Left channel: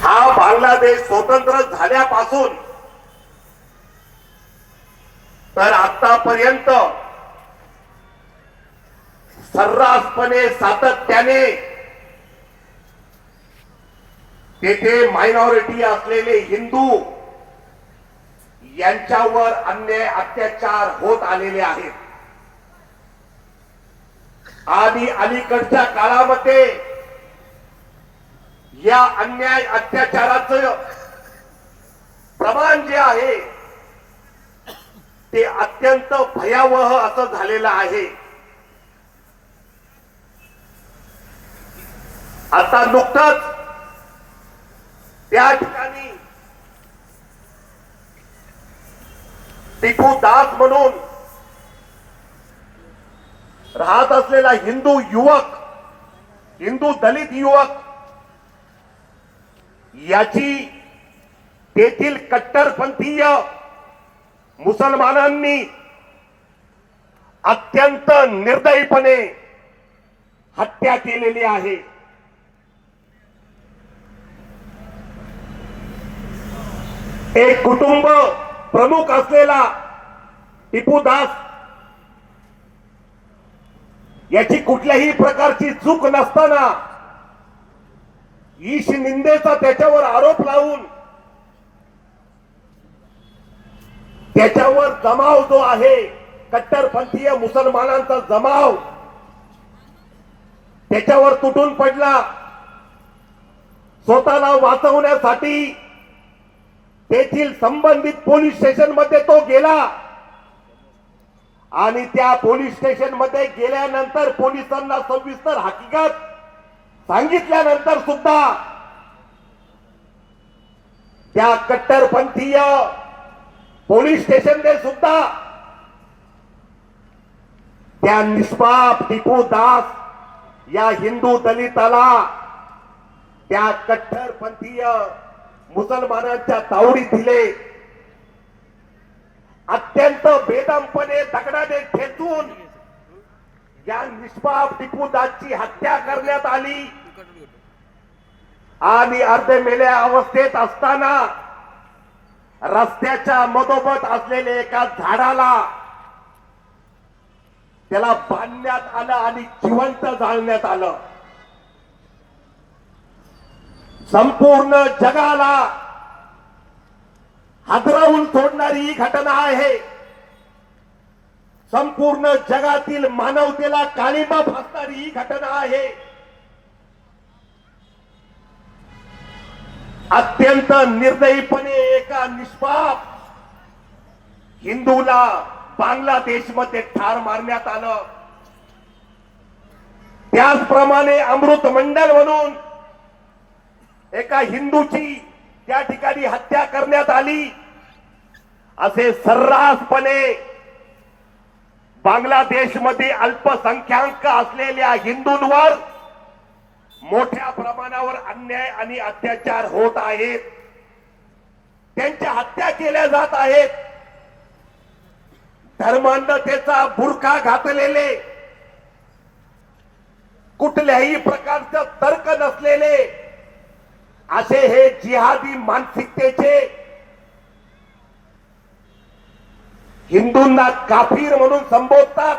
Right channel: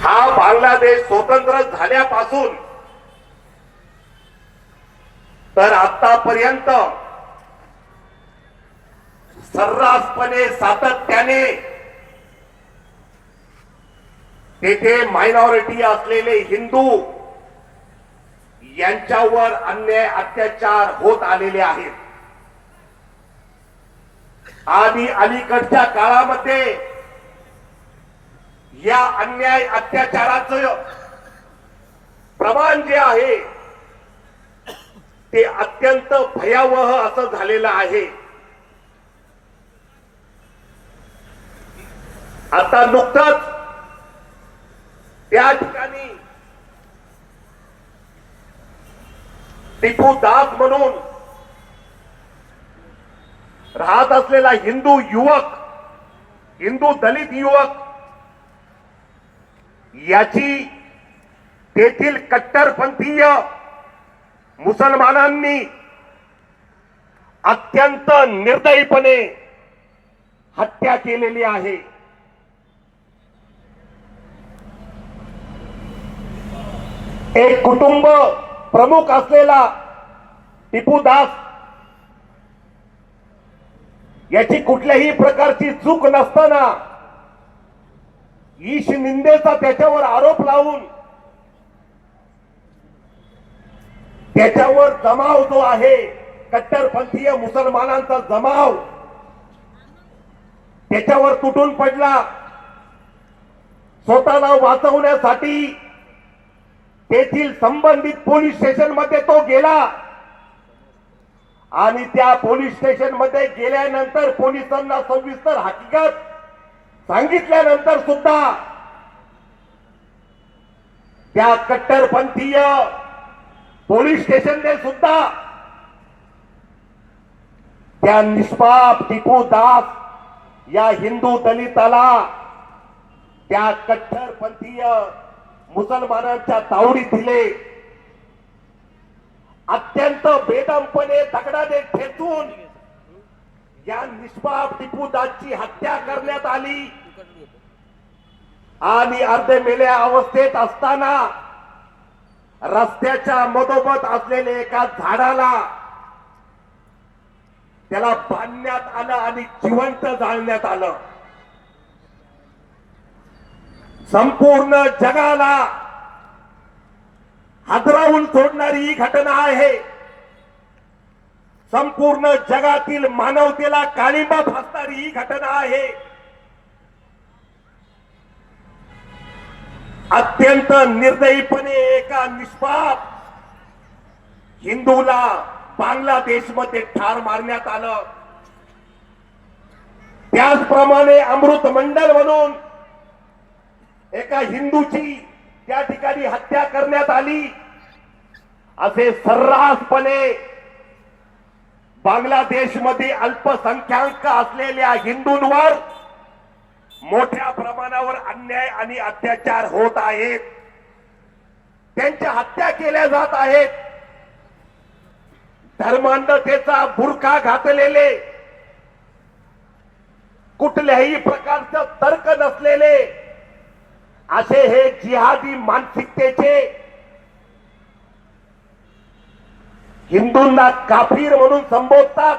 हा बांगलादेश स्वतंत्र झाल्यापासून तर आतापर्यंत सर्रासपणे सातत्याने तेथे मायनॉरिटी असलेले हिंदू यांच्यावर अन्याय अत्याचार होत आलेले आहेत. आणि अलीकडच्या काळामध्ये या अन्याय अत्याचाराचं प्रमाण जे आहे ते अत्यंत भयावह असं झालेलं आहे. आता नुकताच त्या ठिकाणी टिपू दास म्हणून राहत असलेला हिंदू युवक, हिंदू दलित युवक याची तेथील कट्टरपंथीय मुसलमानांनी अत्यंत निर्दयीपणे हत्या केलेली आहे. एक कुटुंब प्रमुख असलेला टिपू दास याची कुठल्याही प्रकारची चूक नसताना ईश निंदेचा त्याच्यावर आरोप लावून त्याच्यावर जमाव जो आहे कट्टरपंथीय मुसलमानांचा जमाव त्याच्यावर तुटून पडला. स्वतःला वाचवण्यासाठी तेथील संबंधित पोलीस स्टेशन मध्ये तो गेला आणि त्या पोलीस स्टेशन मध्ये गेल्यानंतर पोलिसांना सविस्तर हकीकत सांगितल्यानंतर सुद्धा त्या कट्टरपंथीय पोलीस स्टेशनने सुद्धा त्या निष्पाप टिपू दास या हिंदू दलिताला त्या कट्टरपंथीय मुसलमानांच्या तावडीत दिले. अत्यंत बेदमपणे दगडाने ठेचून या निष्पाप टिपू दासची हत्या करण्यात आली आणि अर्धे मेल्या अवस्थेत असताना रस्त्याच्या मधोमध असलेल्या एका झाडाला त्याला बांधण्यात आलं आणि जिवंत जाळण्यात आलं. संपूर्ण जगाला हादरवून सोडणारी ही घटना आहे. संपूर्ण जगातील मानवतेला काळिंबा फासणारी ही घटना आहे. अत्यंत निर्दयीपणे एका निष्पाप हिंदूला बांगलादेशमध्ये ठार मारण्यात आलं. त्याचप्रमाणे अमृत मंडल म्हणून एका हिंदूची त्या ठिकाणी हत्या करण्यात आली. असे सर्रासपणे बांगलादेशमध्ये अल्पसंख्याक असलेल्या हिंदूंवर मोठ्या प्रमाणावर अन्याय आणि अत्याचार होत आहेत. त्यांच्या हत्या केल्या जात आहेत. धर्मांधतेचा बुरखा घातलेले, कुठल्याही प्रकारचं तर्क नसलेले असे हे जिहादी मानसिकतेचे हिंदूंना काफिर म्हणून संबोधतात.